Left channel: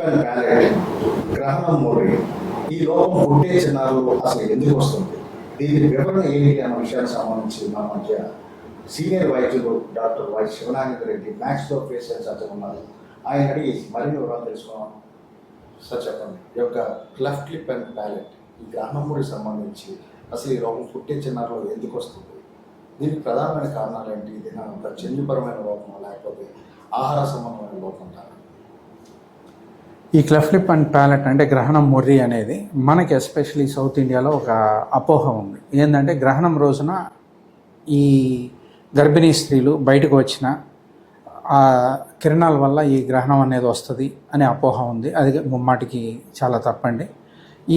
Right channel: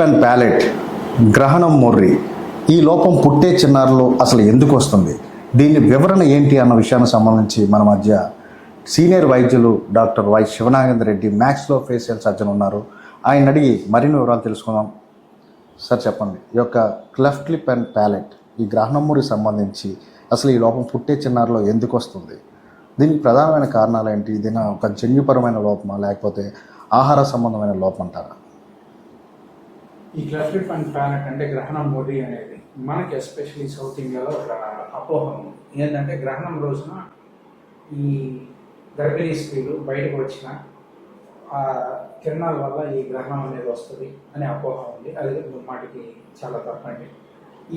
Sleep and palette గ్రహణం మొర్రి ఈ లోపం పుట్టే చిన్నారులు అసలు ఎందుకు వస్తుంది, దీని వివరణ ఏంటి అన్న విషయానికి సంబంధించి మన మధ్య సీనియర్ వైద్యులు డాక్టర్ వై శివనాగేంద్ర రెడ్డి మ్యాక్స్లో ఫేషియల్ సర్జన్ ఉన్నారు. ఆయన అడిగి మరిన్ని వివరాలు తెలుసుకుందాం. సార్ చెప్పండి, ఈ యొక్క క్లెఫ్ట్ లిప్ అండ్ ప్యాలెట్ ఈ గ్రహణం మొర్రికి సంబంధించి అసలు ఈ లోపం పుట్టే చిన్నారులో ఎందుకు వస్తుంది, దీనికి ప్రధానమైన కారణాలు ఏంటి, ఇది ఒక జన్యుపరమైన లోపమా లేకపోతే ఆహార సంబంధమైన లోపం అంటారా? ఈ క్లెఫ్ట్ లిప్ అండ్ ప్యాలెట్ అంటే గ్రహణం మొర్రి అనేది మనకి ఎస్పెషలీ సౌత్ ఇండియాలో ఒక అపోహ ఉంది. ఏంటంటే గ్రహణం రోజున ఈ గర్భిణీ స్త్రీలు బయటకు వచ్చిన ఆ కిరణాల వల్ల ఈ గ్రహణం అనేది వస్తుంది అనే అపోహ ఉంది. అది ముమ్మాటికి చాలా తప్పండి.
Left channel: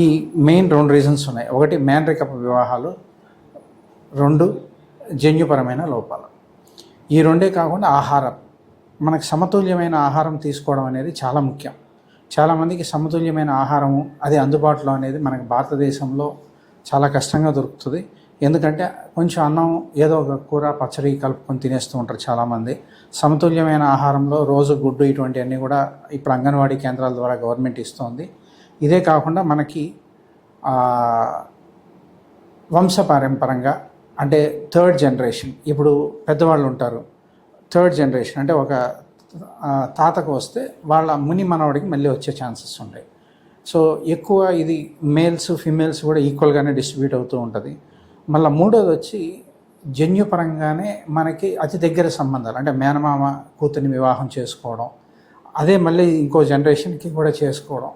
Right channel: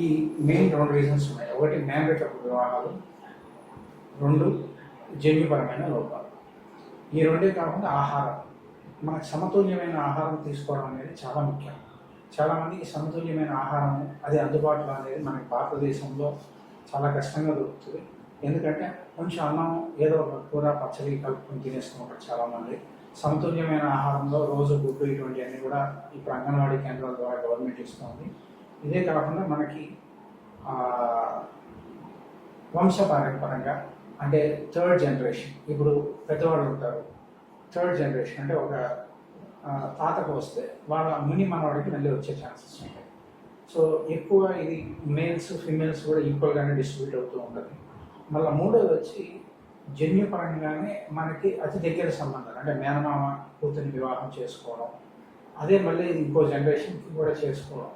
ఈ మెయిన్ 2 రీజన్స్ ఉన్నాయి. ఒకటి మేనరికపు వివాహాలు, 2 జన్యుపరమైన లోపాలు. ఈ 2 కాకుండా ఆహారం, మనకు సమతుల్యమైన ఆహారం తీసుకోవడం అనేది చాలా ముఖ్యం. చాలామందికి సమతుల్యమైన ఆహారము అది అందుబాటులో అనేది మనకు భారతదేశంలో చాలా కష్టంగా దొరుకుతుంది. ఎందుకంటే కొంచెం అన్నం ఏదో ఒక కూర పచ్చడి కలుపుకొని తినేస్తూ ఉంటారు చాలామంది. సమతుల్యమైన ఆహారంలో రోజు గుడ్డు ఇటువంటివన్నీ కూడా ఇప్పుడు అంగన్వాడీ కేంద్రాల ద్వారా గవర్నమెంట్ ఇస్తుంది. ఇదే కాకుండా మనకి వంశపారంపరంగా అంటే 3rd జనరేషన్, ఇప్పుడు పెద్దవాళ్ళు ఉంటారు, 3rd జనరేషన్ అంటే ఒక తాతకు వస్తే వాళ్ళ ముని మనవడికి మళ్ళీ వచ్చే ఛాన్సెస్ ఉంటాయి. సో ఎక్కువ ఇది మేల్స్ ఫీమేల్స్ కూడా ఈక్వల్గానే డిస్ట్రిబ్యూట్ అవుతూ ఉంటుంది. మళ్ళీ 3వది వచ్చి జన్యుపరంగానే మనకి అతి దగ్గర సంబంధాలు అంటే మేనమామ కూతుర్ని వివాహం చేసుకోవడం, అదే మళ్ళీ ఇంకో జనరేషన్కి కూడా చేసుకోవడం,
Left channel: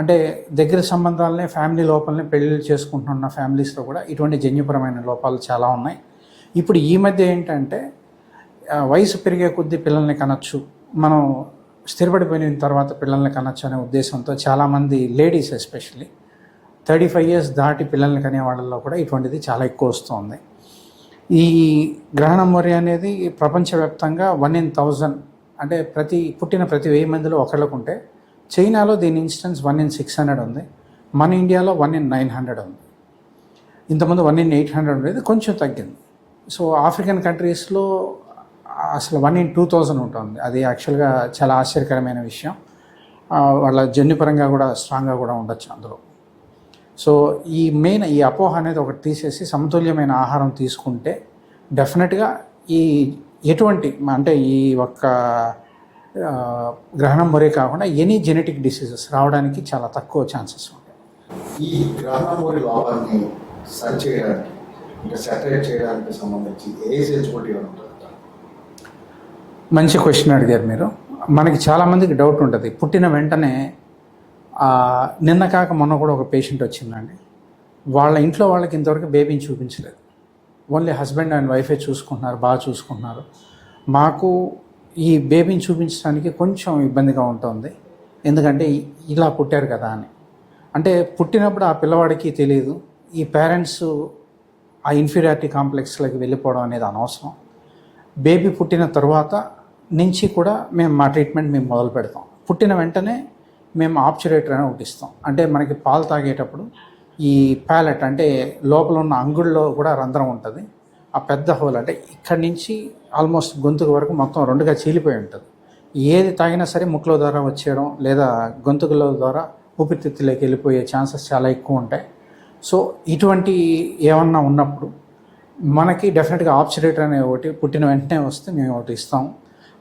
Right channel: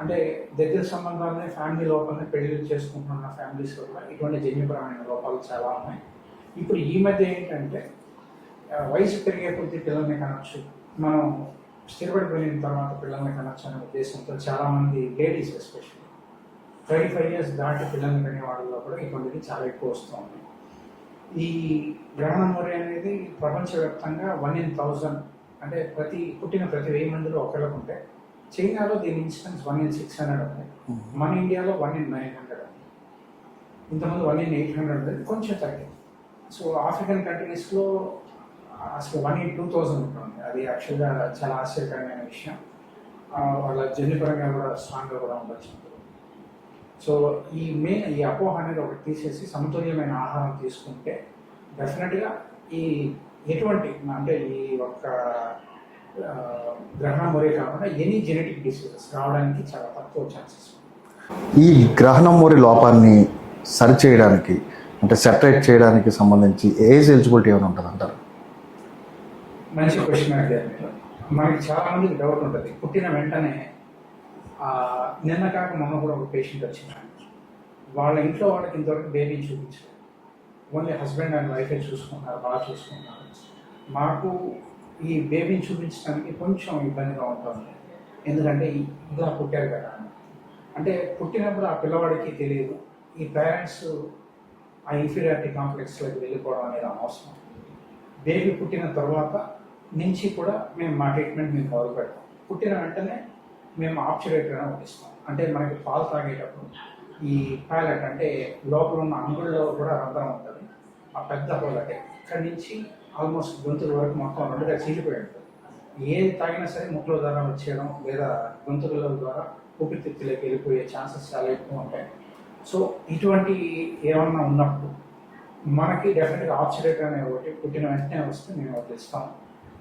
అంటే దగ్గర సంబంధాలనే ఫ్యామిలీ లోపలనే పెళ్ళిళ్ళు చేసుకుంటున్న ఫ్యామిలీస్లో కూడా ఇటువంటి జన్యుపరమైన లోపాలు చాలా ఉన్నాయి. ఇప్పుడు ఈ మధ్య ఏంటంటే వయసు పెరిగే కొద్దీ పిల్లల్ని కనొచ్చు, మనం స్థిరపడిపోయిన తర్వాత పిల్లల్ని కనొచ్చు అనే ఉద్దేశంతో చాలామంది లేడీస్ ఎస్పెషల్లీ 35 years దాటి పిల్లల్ని కనే వాళ్ళల్లో కూడా ఇటువంటిది చాలా ఎక్కువ వస్తుంది. ఈ గ్రహణం మొర్రి అనేది ప్రపంచవ్యాప్తంగా 1 in 1000 అంటే పుట్టిన ప్రతి 1000 మందిలో ఒకళ్ళకు ఉంటే, చైనాలో దీని ఇన్స్టెన్స్ 1 in 600 ఉంది, మన ఇండియాలో 1 in 900 ఉంది. ఇంతకుముందు 1 in 800 ఉండేది, కొంచెం తగ్గింది. సో ఆఫ్రికన్ కంట్రీస్లో అసలు 1 in 2000 ఉంటుంది. అది యాక్చువల్గా చాలా ఆశ్చర్యకరమైన విషయం. వాళ్ళ జన్యుపరంగా కూడా స్ట్రాంగ్గా కూడా ఉండొచ్చు అందులో. సో ఈ మెయిన్ ఈ అపోహ అనేది ఒకటి తీసేసి సమతుల్యమైన ఆహారం తీసుకుంటే డెఫినెట్గా ఈ ఎటువంటి అంటే ఈ ఒక్క గ్రహణం మొర్రి కాకుండా ఎనీ జెనెటిక్ డిసీజెస్ రావడానికి చాలా తక్కువ ఛాన్సెస్ ఉంటాయి. ఈ గ్రహణం మొర్రి లోపాన్ని సరిచేయడానికి అంటే సెపరేట్ చేయడానికి సంబంధించి ఏజ్ ఎలిజిబిలిటీ ఏమైనా ఉంటుంది అంటారు? మంచి క్వశ్చన్ అడిగారు మీరు. మనకి చాలామందికి డౌట్ ఉంటుంది. పుట్టిన వెంటనే నిన్న కాక మొన్న కూడా ఒక పేషెంట్ వచ్చిందండి. వాళ్ళ ఇంట్లో వాళ్ళకి ఇంతవరకు బేబీని చూపించలేదు, ఓన్లీ హస్బెండ్ అండ్ వైఫే చూసుకుంటున్నారు, బాగా చూసుకుంటున్నారు. మాకు ఈ బేబీని చూపించడానికి కొంచెం ఇబ్బందిగా ఉంటుంది, ఎందుకంటే ఇలా పుట్టారు కదా అని. అంటే పుట్టినప్పుడు ఆ పిల్లవాడికి తెలియదు, ఈ పేరెంట్స్ ఆ ఇన్ఫీరియారిటీ కాంప్లెక్స్లోకి వెళ్ళిపోవడం అనేది అనవసరం. బేబీ పుట్టిన తర్వాత నుంచి కూడా మేము మా ట్రీట్మెంట్ మేము మొదలు పెడతాం. పుట్టిన వెంటనే మేము ఆబ్చురేటర్ అని ఒకటి ఇస్తాం. అంటే మనకి పాలు తాగేటప్పుడు ఈ ప్యాలెట్ అంటే లోపల ఉన్న అంగుళ్ళలో కూడా రంధ్రం ఉంటుంది. ఆ పెద్ద హోల్ అంటే ఇక్కడి నుంచి ఆల్మోస్ట్ గొంతుకు వరకు మొత్తం 2గా చీలిపోయి ఉంటుంది. ఏది తాగినా సరే ముక్కుల ద్వారా వచ్చేయడం లేదా గొంతుకుల ద్వారా ఊపిరితిత్తులోకి వెళ్ళిపోయే ఛాన్సెస్ చాలా ఎక్కువ ఉంటాయి. సో ఇటువంటి ఏమన్నా ఉన్నప్పుడు మనకి డెఫినెట్గా ఆబ్చురేటర్ అనే ఒకటి పుట్టిన వెంటనే వస్తే మేము ఒకటి ఇస్తాం.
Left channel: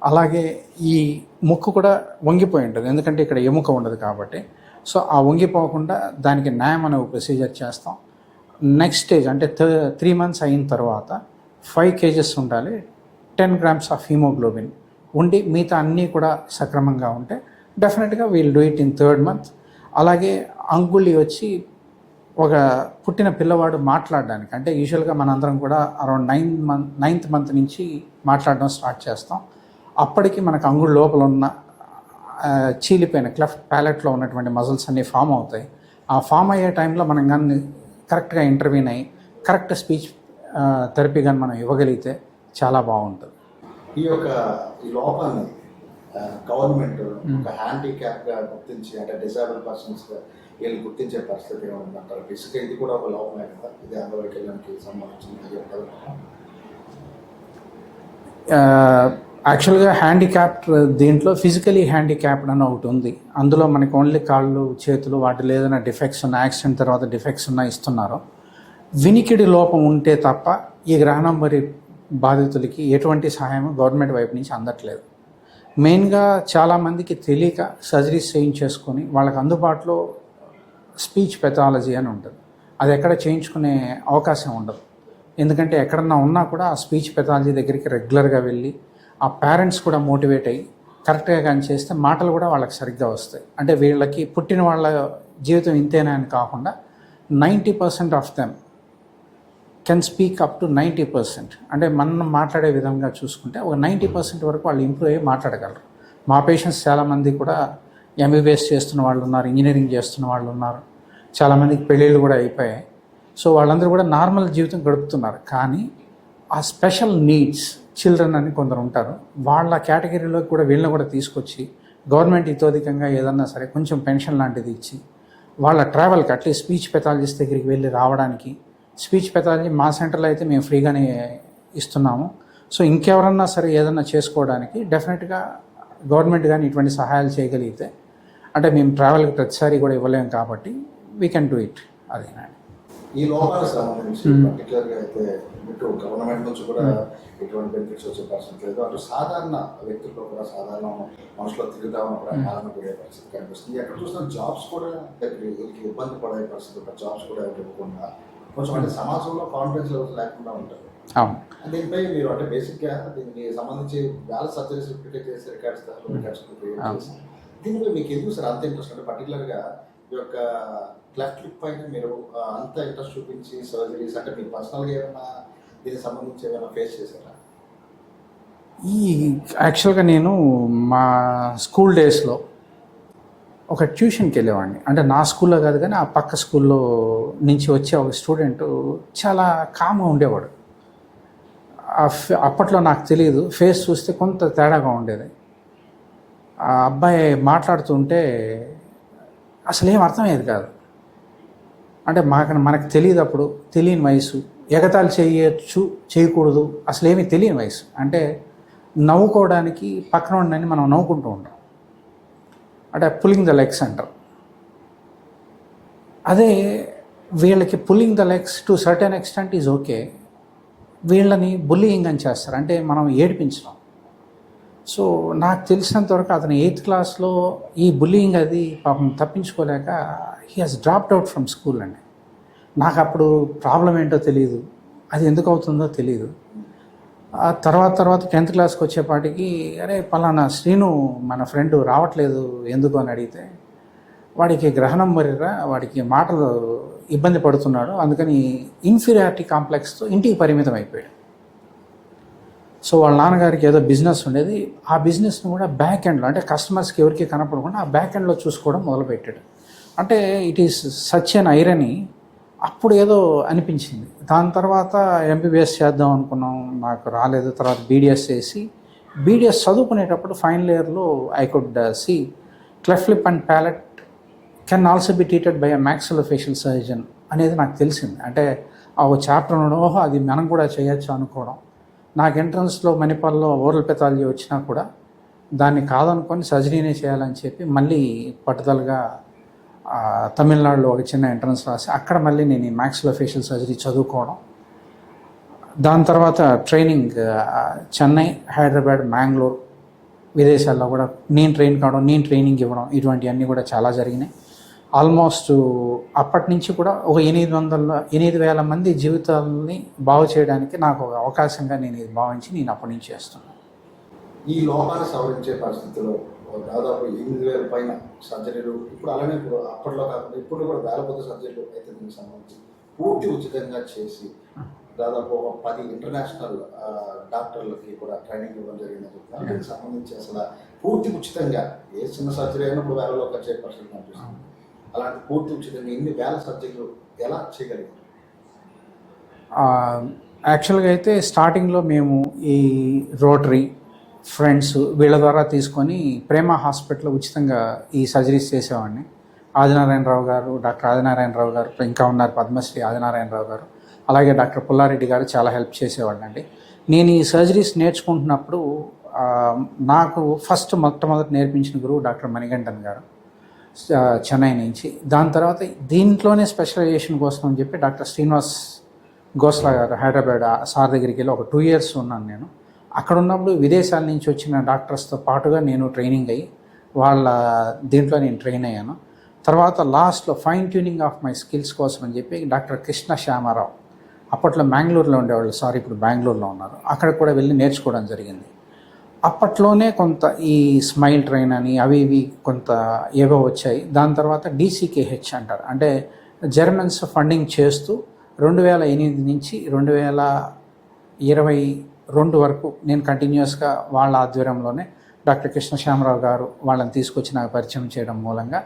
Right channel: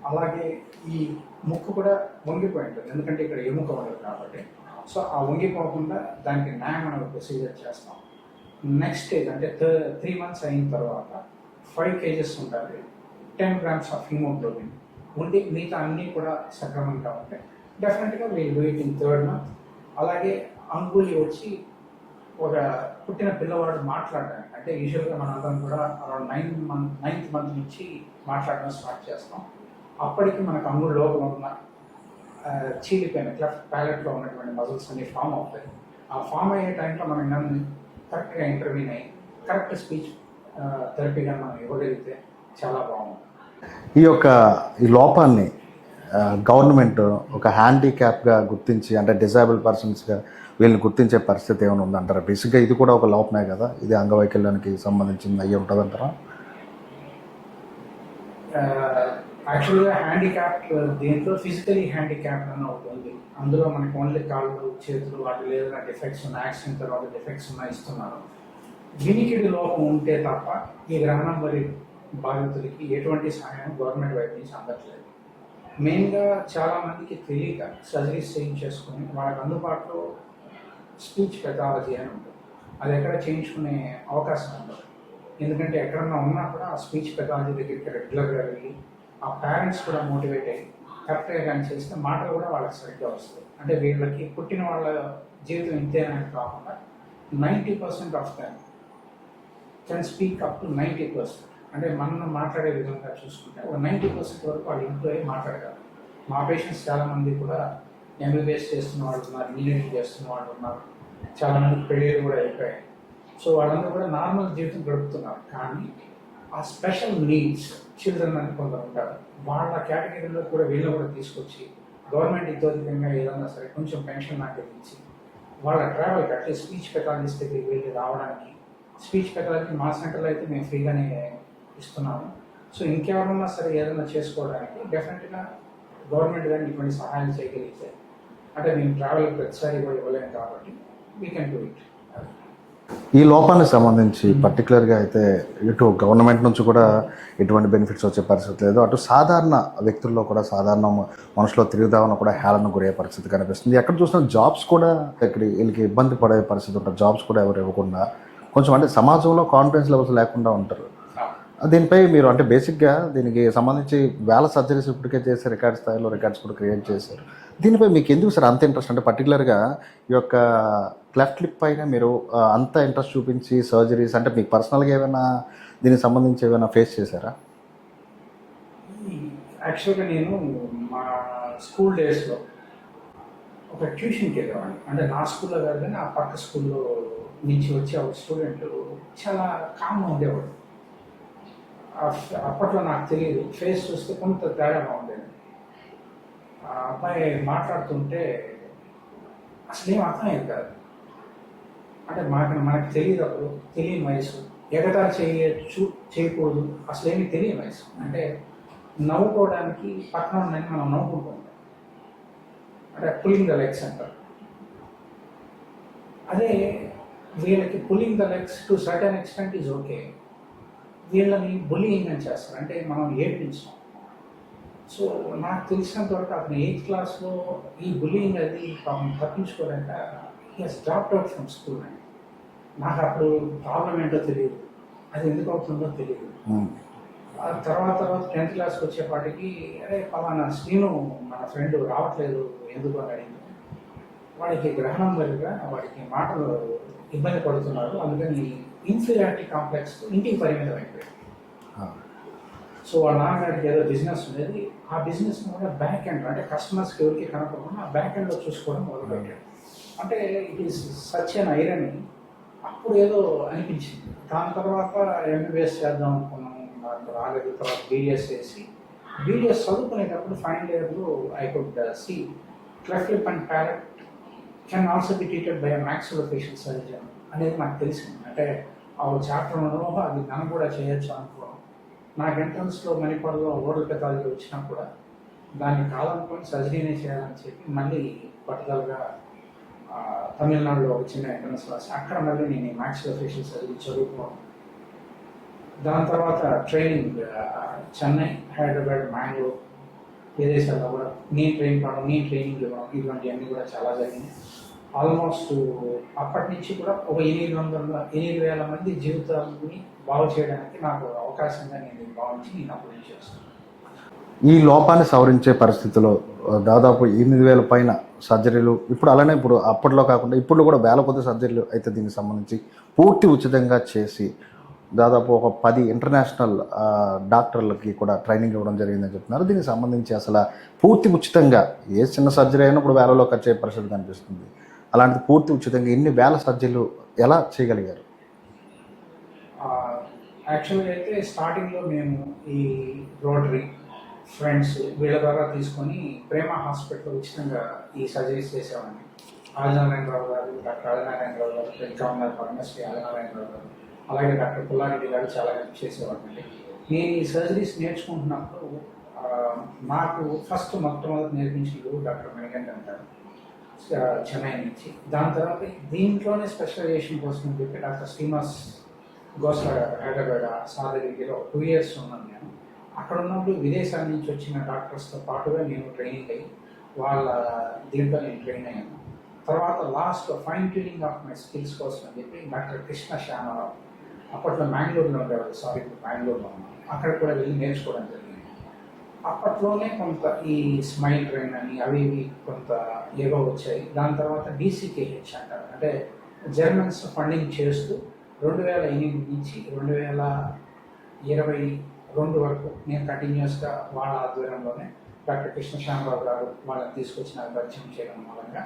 అలాగే ఈ ముక్కు కూడా వంగిపోయి ఉంటుంది, ఎందుకంటే ఇక్కడ ఎముక ఉండదు కాబట్టి. సో ఆ వంగిపోకుండా దానికి న్యాయం అనే ప్రొసీజర్ చేస్తాం. నెక్స్ట్ స్టేజ్ అంటే 3 months అయిన తర్వాత 5 kgs ఉండాలి, 10 grams ఆఫ్ హీమోగ్లోబిన్ ఉండి మిగతా అన్నీ కూడా సక్రమంగా ఉంటే డెఫినెట్గా we'll do it in 3rd month. అలాగే అంగుళి వచ్చి ఒక పుట్టిన పిల్లవాడు మాట్లాడడానికి అంటే యూజువల్గా మనందరం కూడా అరౌండ్ 9th month నుంచి మాట్లాడడం స్టార్ట్ చేస్తాం. అప్పటికి మనకు అంగుళ లోపల ఉన్న చీలిపోయిన క్లెఫ్ట్ ప్యాలెట్లో ఉన్నటువంటి మజిల్స్ అన్నీ ఫామ్ అవుతాయి. ఆ ఫామ్ అయ్యే టైంలో మనం కానీ కరెక్ట్గా ఇంటర్వ్యూన్ అయ్యి కరెక్ట్ స్పీచ్ థెరపీ కానీ మనం ఇవ్వగలిగితే చాలా బాగుంటుంది. ఈ లోపాన్ని గవర్నమెంట్ ఒక హ్యాండిక్యాప్గా గుర్తించి అంటే డిజేబుల్ పర్సన్స్గా వీళ్ళని గుర్తించే పరిస్థితి ఏమైనా ఉందంటారా? బేసిక్గా ఇది కూడా ఒక లోపమే కదా, ఇది అంగవైకల్యానికి సంబంధించింది అయ్యి ఉంటుందంటారా? యాక్చువల్గా హ్యాండిక్యాప్డ్ దీంట్లో ఫిజికలీ హ్యాండిక్యాప్డ్ అని ఒకటి ఉంది. అందులో మనకి ఓన్లీ కాళ్ళు చేతులు వాటిలో ఏదైనా డిఫెక్ట్స్ ఉన్న యాక్సిడెంట్ తర్వాత డిఫెక్ట్స్ ఉన్న ఇస్తున్నారు. వినికిడి లోపం ఉంటే తప్ప ఈ గ్రహణం మరి బాధితులకి ఎటువంటి సహాయం గవర్నమెంట్ వైపు నుంచి అందట్లేదు. మెయిన్గా చాలామందికి తెలియక సర్జరీస్ చేయించేసుకొని వాళ్ళకి అందుబాటులో స్పీచ్ పెథాలజీ అని ఉంటుంది. అది ఎక్కడ చేయించుకునే అవకాశం ఉండదు. ఎందుకంటే ఎక్కడన్నా ఉన్నా కూడా ఆ స్పీచ్ పెథాలజీ దగ్గరికి రెగ్యులర్గా వెళ్ళి ఆ పేరెంట్స్ కూడా మోటివేట్ అయ్యి కరెక్ట్గా కానీ చేస్తే మాటలు కూడా వాళ్ళకి సరిగ్గా వస్తాయి. అంటే వీళ్ళకి పుట్టిన వాళ్ళ జీవితం ఇంతేనా అని కాకుండా 90% of them can speak up to 90%. అంటే మనం మాట్లాడే విధంగా చూసుకుంటే ఒక 90% వరకు వాళ్ళు ఇంప్రూవ్ అయ్యి మాట్లాడగలరు. మా పేషెంట్స్ చాలామంది కూడా ఎంబీబీఎస్ చేస్తున్న వాళ్ళు ఉన్నారు, ఇంజనీరింగ్ చేస్తున్న వాళ్ళు ఉన్నారు, చాలామందికి పెళ్ళిళ్ళు కూడా అయిపోయాయి. సో వాళ్ళందరూ కూడా నార్మల్ జీవితం గడుపుతున్నారు. కానీ ఆ స్పెషల్ నీడ్స్ చిల్డ్రన్ అని కొందరు ఉంటారు. వాళ్ళ కేటగిరీలోకి కూడా వీళ్ళని కూడా తీసుకొచ్చి గవర్నమెంట్ ఇతోధికంగా ఏదన్నా సరే కొంచెం పెన్షన్ లాంటిది ఇచ్చి వాళ్ళ ట్రావెల్కి అట్లీస్ట్ స్పీచ్ పెథాలజిస్ట్ దగ్గరికి వెళ్ళి రావడానికి, స్పీచ్ పెథాలజీ మా సెంటర్లో అయితే మేము ఫ్రీగానే ఇస్తున్నాము. సో ఇంకెవరన్నా సరే ఏదన్నా చేసుకోవడానికి డెఫినెట్గా గవర్నమెంట్ కానీ ఇటువంటి సహాయాలు చేయగలిగితే, అంటే మేము ట్రావెల్కి ప్రతిసారి కూడా ఇవ్వలేము కాబట్టి వీ కెన్ డూ ఇట్. అది ఈ లోపానికి సంబంధించి పర్టికులర్గా అయితే ఇటు గవర్నమెంట్ నుంచి కూడా ఎటువంటి బెనిఫిట్స్ వచ్చే పరిస్థితి లేదు, అటు సాధారణ వ్యక్తుల్లో కూడా సాధారణ మనుషులో తిరుగుదామని కూడా హేళన గురయ్యే పరిస్థితి కనిపిస్తుంది. ఎక్కడ చూసినా జాబ్స్ కూడా ఇక్కడ వీళ్ళకి ఇబ్బంది పడే పరిస్థితి ఉంటుంది. జాబ్స్ కూడా ఎవరు ఇవ్వకుండా కొంచెం అంటే సమాజంలో కాన్ఫిడెన్స్ లెవెల్స్ లేకుండా ఉంటారు. దీనిపై మీరు అంటే బేసిక్గా దీనికి సంబంధించి వేల సర్జరీస్ ఇప్పటికే చేసి రికార్డ్ స్థాయిలో రికార్డ్స్ కూడా క్రియేట్ చేశారు. దీనిపై మీకు ఎందుకు సార్ అంత ఇంట్రెస్ట్? అంటే పర్టికులర్గా ఈ యొక్క క్లెఫ్ట్ లిప్ పైన మీరు అంత ఇంట్రెస్ట్ చూపించి సర్జరీస్ అంటే మీకు పర్సనల్గా ఏమైనా దీనికి సంబంధించి ఏమైనా ఫేస్ చేశారా? ఈ యాక్చువల్గా నేను మా స్కూల్ డేస్లో ఒక ట్యూషన్కి వెళ్ళేవాడిని. అంటే నా స్కూల్లో కాదు కానీ ఆ పక్క స్కూల్లో నుంచి వచ్చే ఒక స్టూడెంట్ చాలా కామ్గా ఉండేవాడు. అప్పట్లో నాకు తెలియదు, ఫేస్ చూస్తే కొంత తేడాగా ఉండేది. ఆ అబ్బాయి మాట్లాడుతుంటే అసలు ఏం అర్థమయ్యేది కాదు. అంటే మనకు తెలియదు, అప్పుడు తెలియని వయసు, ఎగతాళి చేయొచ్చు చేయకూడదు అసలు ఏమీ తెలియని వయసు. అంటే నవ్వుకోవడానికి పక్కన ఉండని మనం నవ్వుకుంటూ ఉంటాం, అంటే పుల్లింగ్ ద లెగ్స్ అంటారు. అదే వీళ్ళకి pulling the legs to certain extent is okay, వీళ్ళని బుల్లియింగ్ అని చేస్తారు, అంటే మనం ఏడిపించడం. సో నాకు తెలిసినంత వరకు అతను 8th క్లాస్లో ఈ బుల్లియింగ్ అది పాపం తప్పించుకోలేక he has dropped out from school అండి. నాకు అప్పుడు ప్రాబ్లం ఏంటో తెలియదు, అది ఎందుకు అవుతుందో తెలియదు. ఆ తర్వాత 10th క్లాస్కి వచ్చేపాటికి అరే పలానా శ్రీను మన ఫ్రెండ్ రావట్లేదు ఎందుకు అని అడిగితే, వాడికి గ్రహణం మరిరా, వాడికి మాటలు ఇబ్బంది పడుతున్నాడు, అందుకని ఇన్ఫీరియారిటీ కాంప్లెక్స్తో ఇంటికి పరిమితం అయిపోయాడు. సో వాళ్ళ నాన్నగారికి ఏదో బిజినెస్ ఉండేది, ఆ బిజినెస్ని కూడా బ్యాక్ ఎండ్లో అంటే కస్టమర్స్కి ఎవరికి కనపడకుండా ఆ బ్యాక్ ఎండ్లో చూసుకోవడం మొదలుపెట్టాడు. అంటే it is such N irony. అప్పుడు ఏదో అనిపించింది. దాని తర్వాత ఎంబీబీఎస్ చేద్దాం అనుకున్నాం, నాకు రాలేదు. తర్వాత బీడిఎస్ చేసి బీడిఎస్ చదువుకునేటప్పుడు ఫైనల్ ఇయర్లో I could see cleft lip and palate can also be treated by a maxillofacial surgeon అనేది నాకు తెలిసింది. అంటే ఆ చాప్టర్ ఓహో అది మనం కూడా చేయొచ్చు అనుకోవడం. నాకు ఎంట్రన్స్లో మణిపాల్లో ఓరల్ పెథాలజీ వచ్చినా కూడా దాన్ని కాదనుకొని సర్జరీనే చేయాలని చెప్పి మళ్ళీ పట్టుదలగా తమిళనాడులో ఒక చిన్న ఎంట్రన్స్ రాసి అక్కడ మళ్ళీ నేను ఈ మాక్సిలోఫేషియల్ సర్జరీ చదువుకోవడం. దాని తర్వాత ట్రైనింగ్ చెన్నై, హైదరాబాద్, మ్యాంగ్లూర్, విదేశాల్లో కూడా నేను ట్రైన్ కావడం, నేను ట్రైనింగ్ ఇవ్వడం, ఇటువంటివన్నీ కూడా చాలా జరిగినాయి. ఆల్మోస్ట్ అప్పటి నుంచి కూడా ఒక 8,000 మంది జీవితాలని బాగు చేయడానికి నాకు ఒక అవకాశంగా నేను ఇది భావించి నేను అప్పటి నుంచి చేస్తున్నాను. ఈ లోపాన్ని సవరించే పరిస్థితిలో దాదాపు 8,000 పైన సర్జరీలు ఇప్పుడు అలానే ఇప్పుడు అప్పట్లో కాకుండా ఇప్పుడు కూడా వేల కొద్ది సర్జరీలు అయితే దీనికి సంబంధించి పూర్తి ఉచితంగా చేసి దాదాపు ఒక 10 ఇంటర్నేషనల్ డాక్టర్లకి కూడా ట్రైనింగ్ ఇవ్వడం జరిగిందని చెప్తున్నారు. దీనికి సంబంధించి అసలు పూర్తి ఉచితంగా ఏ చిన్న సర్జరీ అయినా ఇప్పుడు వేలలో ఖర్చు అయ్యే పరిస్థితి కనిపిస్తుంది. అలాంటి పూర్తి ఉచితంగా ఎన్ని వేల సర్జరీలు ఎలా చేయగలిగారు? యాక్చువల్గా అయితే స్టార్టింగ్లో మేము ఈ రోటరీ ఫ్రెండ్స్ వీళ్ళ ద్వారా తీసుకొని ప్రేమ హాస్పిటల్ ఉచితంగా ఈ సర్జరీస్ చేసేవాడిని. ఆదినారాయణరావు గారు, డాక్టర్ ఆదినారాయణరావు గారు, ఇంకా ఉన్నారు పద్మశ్రీ ఆదినారాయణరావు గారు, అలాగే డాక్టర్ పుల్లారెడ్డి గారు చాలా హెల్ప్ చేసేవాడిని అండి. నేను ఈ సర్జరీస్ నేర్చుకుంటున్నప్పుడు నాకు మొట్టమొదటి నేర్పించిన గురువు డాక్టర్ మణికంఠన్ గారు, చెన్నై నుంచి. దాని తర్వాత దీంట్లోనే స్పెషలైజేషన్ కోసం అని చెప్పి డాక్టర్ శ్రీనివాస్ గోస్లా గారు హైదరాబాద్ సార్ దగ్గరికి వెళ్ళి ఒక 2 years ఉన్నాను నేను. అక్కడ ఉన్నప్పుడు విదేశాల నుంచి వచ్చిన డాక్టర్స్తో పాటుగా నేను ట్రైనింగ్ అయ్యి వాళ్ళ దీంట్లో నేను ట్రైన్ అయ్యాను. తర్వాత లాస్ట్లో fine tuning of my skills కోసం అని చెప్పి డాక్టర్ కృష్ణ శ్యామారావు, అప్పట్లో మ్యాంగ్లూరులో ఉండేవాళ్ళు, సారీ ఇప్పుడు బెంగళూరులో ఉన్నారు, అక్కడ కూడా వెళ్ళి నేర్చుకోవడం జరిగింది. అప్పట్లోనే కొంత ఈ స్మైల్ ట్రైన్ అని అవి ఇవి కొంత ఏవో వచ్చాయి. దాని తర్వాత DCKH అంటారు, అంటే జర్మన్స్ ఫండింగ్ చేస్తూ 2008 నుంచి 2022 వరకు నేను కంటిన్యూస్గా వాళ్ళ ఆధ్వర్యంలోనే డాక్టర్ కృష్ణ శ్యామరావు గారు వాళ్ళని తీసుకొచ్చి నాకు పరిచయం చేయడం మూలంగా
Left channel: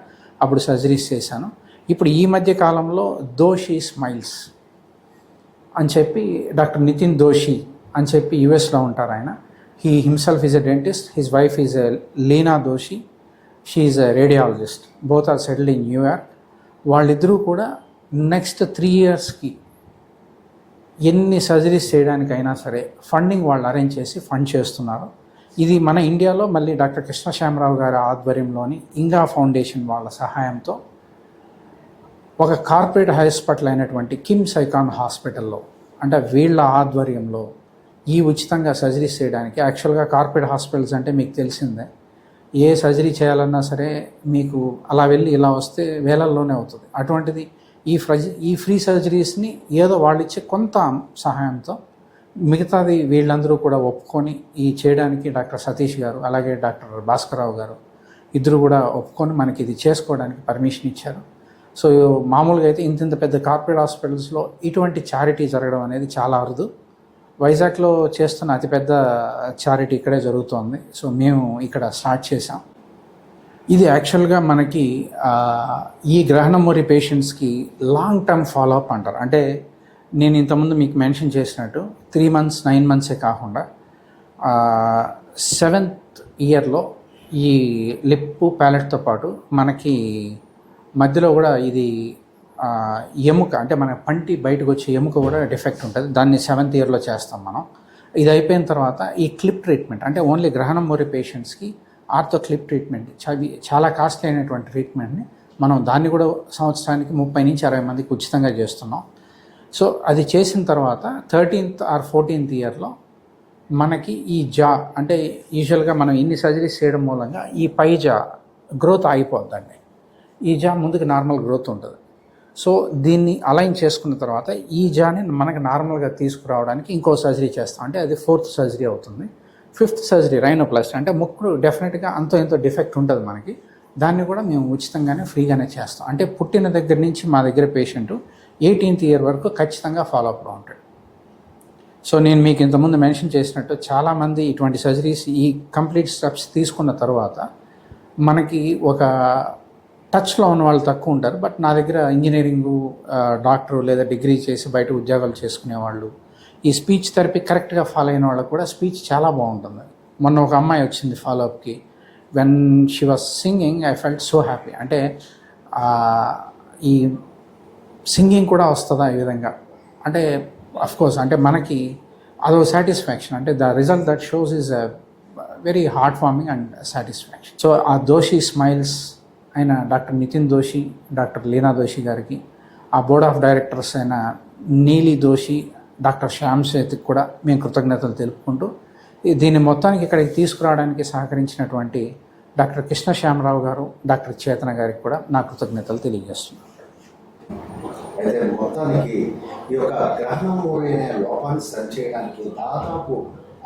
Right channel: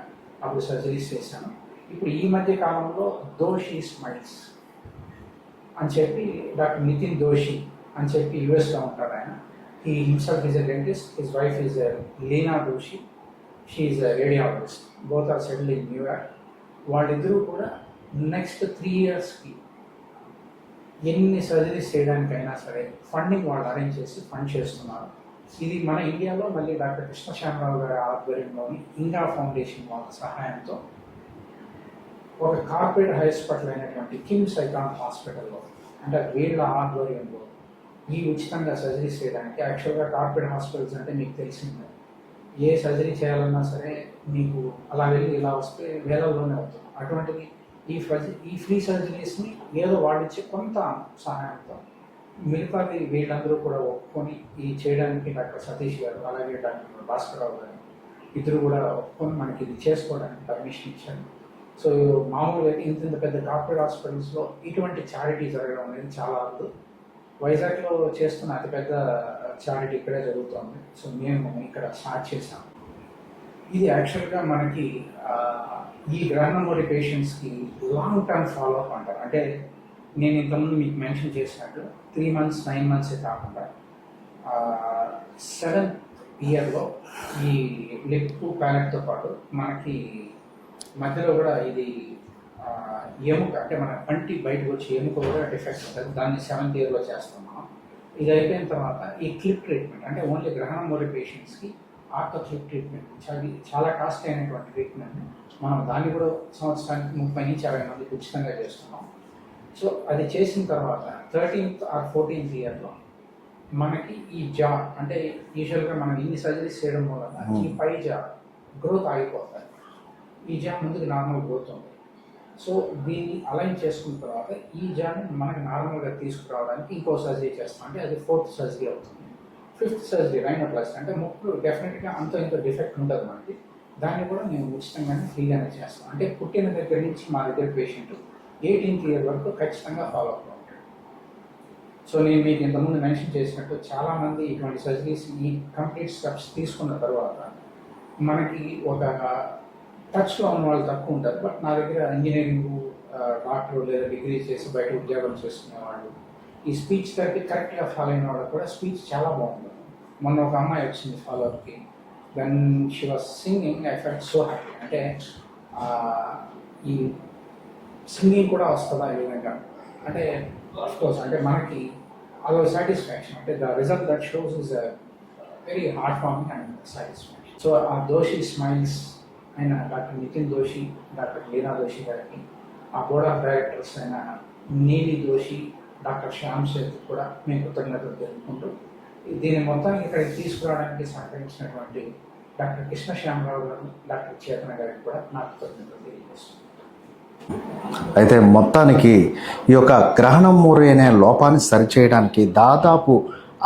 అప్పుడు సర్జరీస్ చేశాను. ఇప్పుడు ఈ మధ్య కాలంలో దోషి స్మైల్స్ అని చెప్పి డాక్టర్ నితిన్ దోషి అని చెప్పి యుఎస్లో ఉంటారు ఆయన. He himself is a dentist, his wife is a Leena Doshi, she is a radiologist, both are settled in New York. వాళ్ళిద్దరూ కూడా నెక్స్ట్ 3 yearsకి ఎన్ని సర్జరీస్ చేయడానికైనా సరే ఫండింగ్ వాళ్ళు అరేంజ్ చేసి ఫండ్ చేస్తున్నారు. ఇది మన ఇండియాలో మళ్ళీ డాక్టర్ కృష్ణ శ్యామరావు గారి ఆధ్వర్యంలోని ఇంగా ఫౌండేషన్ వాళ్ళ సహాయంతో ఒక కార్పొరేట్ హాస్పిటల్ అయినటువంటి కిమ్స్ ఐకాన్ హాస్పిటల్లో, అంటే వీళ్ళ ఆధ్వర్యంలో ఈ ఉచితంగా సర్జరీస్ చేయడానికి. యాక్చువల్గా కార్పొరేట్ హాస్పిటల్స్ అంటే మీకు తెలిసిందే, ఏ సర్జరీ చేయాలన్నా సరే మీకు అలా వెళ్ళి ఇలా వస్తే వేలల్లోనే అవుతుంది. అటువంటిది ఈ ఫ్రీ సర్జరీస్ని ఏదో వాళ్ళు ఇచ్చే కొంత సహాయంతో మిగతాది వీళ్ళందరూ కూడా ఒప్పుకొని ఈ చేయడానికి డాక్టర్ సతీష్ గారు అలాగే డాక్టర్ భాస్కరరావు గారు ఇద్దరు కూడా ఒప్పుకొని మనకి ఇది చేసుకోవడానికి పర్మిషన్ ఇచ్చారు. సో మామూలుగా అయితే ఇంత పెద్ద కార్పొరేట్ హాస్పిటల్స్లో ఇటువంటి చారిటీ జరగడం అనేది చాలా అరుదు. వైజాగ్లో చేస్తున్న అతిపెద్ద చారిటీ ఇక్కడే జరుగుతోంది. సో మేము ఇక్కడ స్టార్ట్ చేసాం. ఇది యాక్చువల్గా మనకి ఈ గ్రహణమూరి పేషెంట్స్కి లాంగ్ టర్మ్ ఫాలోఅప్ అంటారు. అంటే నేను ఇంతకుముందు మీకు మెన్షన్ చేసినట్టు 3 months 9 months కాకుండా 7th yearలో ఈ లిప్ ప్యాలెట్తో పాటు మనకి మధ్యలో కూడా ఇది ఎముక, అంటే మన పంటి బయటకు వచ్చే ఎముక కూడా డిఫెక్ట్ ఉంటుంది. దాన్ని 7th yearలో చేస్తాం మనం. ఇది అయిపోయిన తర్వాత ఈ క్లిప్ ట్రీట్మెంట్, అంటే ఓన్లీ గ్రహణమూరి పేషెంట్స్కి ఆర్థో క్లిప్ ట్రీట్మెంట్ చాలా కాస్ట్లీ అయినటువంటి ట్రీట్మెంట్ని మనం దాన్ని కూడా సంవత్సరానికి 30 నుంచి 60 మందికి ఉచితంగా చేస్తున్నాం. సో అది చేసిన తర్వాత 13th or 14th yearలో మనకి ఈ జా, అంటే యూజువల్గా మనం ఇన్ని సర్జరీస్ చేయడం మూలంగా ఈ పై జా గ్రోత్ ఆగిపోద్దండి. ఈ జా ముందుకు నార్మల్ గ్రోత్ ఉంటుంది. సో దీన్ని అలైన్ చేసుకున్న తర్వాత ఈ జాని మనకి నార్మల్గా తీసుకురావడానికి ఇంకో సర్జరీ చేస్తాం, అంటే అది 4th సర్జరీ అవుతుంది. 5th సర్జరీ రైనోప్లాస్టీ, అంటే ముక్కు డెఫినెట్గా అంతో ఎంతో డిఫెక్ట్ ఉంటుంది మనకి, దాన్ని కూడా మేము ఉచితంగానే ఫ్రీగానే చేస్తాం. అంటే పుట్టిన దగ్గర నుంచి మా దగ్గర పేషెంట్ 18th year వరకు ఖచ్చితంగా ఫాలోఅప్లో ఉంటాడు. సో నేను మీకు ఇంతకుముందు మెన్షన్ చేసినట్టు చాలామంది ఇటువంటి సర్జరీస్ ఈ కంప్లీట్ స్టెప్స్ తీసుకున్న తర్వాత మనకి ఒక టచ్లో ఉన్న వాళ్ళు తక్కువ ఉంటారు. బట్ నా దగ్గర ఇంజనీరింగు, డాక్టరు లేదా డిగ్రీ చేసి బయట ఉద్యోగాలు చేసుకునేవాళ్ళు, ఈ స్పీచ్ థెరపీ కరెక్ట్గా ఫాలో అయిన వాళ్ళకి కూడా స్పీచ్ చాలా బాగుంటుంది. మొన్న ఒక అమ్మాయి వచ్చింది ఫాలోఅప్కి, when she was singing I felt so happy. అంటే ఈ సింగింగ్ కూడా వస్తుందా ఈ విధంగా, అంటే అఫ్కోర్స్ అంటే మనకి అదో సాటిస్ఫాక్షన్, అంటే the result that shows is very heart warming and satisfaction. So ఆ దోషి స్మైల్స్ అయిన డాక్టర్ నితిన్ దోషి, డాక్టర్ లీనా దోషి గారికి, ఆ బోర్డ్ ఆఫ్ డైరెక్టర్స్ అయిన నీలి దోషి, డాక్టర్ శ్యామ్ సేత్కి కూడా మేము కృతజ్ఞతలు తెలుపుకుంటూ దీన్ని మొత్తానికి ఇక్కడికి తీసుకురావడానికి సహకరించినటువంటి డాక్టర్ కృష్ణ శ్యామరావు గారు, డాక్టర్ చేతన గారికి కూడా నా కృతజ్ఞతలు తెలియజేస్తున్నాను. అయితే మొత్తానికి ఈ యొక్క గ్రహణమూరి అనే లోపాన్ని సరిచేయడానికి దాదాపు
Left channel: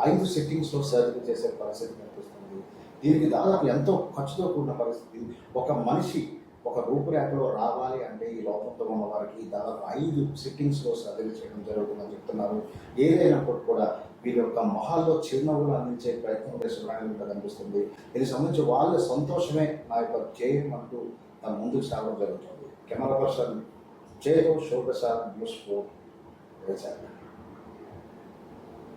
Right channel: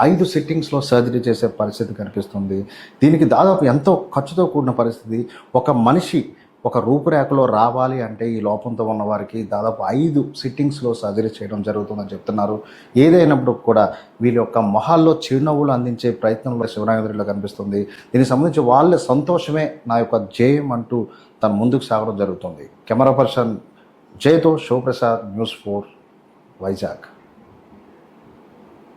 5 సిట్టింగ్స్లో సర్జరీ చేసే పరిస్థితి కనిపిస్తుంది. దీనికి దాదాపు ఎంతో ఖర్చుతో కూడిన పరిస్థితి. ఒక మనిషి ఒక రూపురేఖలో రావాలి అంటే ఈ లోపంతో ఉన్న వారికి దాదాపు 5 సిట్టింగ్స్లో సర్జరీ చేయడం జరుగుతుందని చెప్తున్నారు. ఏదైనప్పుడు కూడా వీళ్ళ యొక్క మొహాల్లో చిరునవ్వులు అందించే ప్రయత్నంలో శివనాగేంద్రలో కనిపిస్తుంది. దీనికి సంబంధించి వాళ్ళ సంతోషమే నా యొక్క జయం అంటూ తను ముందుకు సాగడం జరుగుతుంది. కెమెరా పర్సన్ జయతో శివప్రసాద్, News 4 వైజాగ్.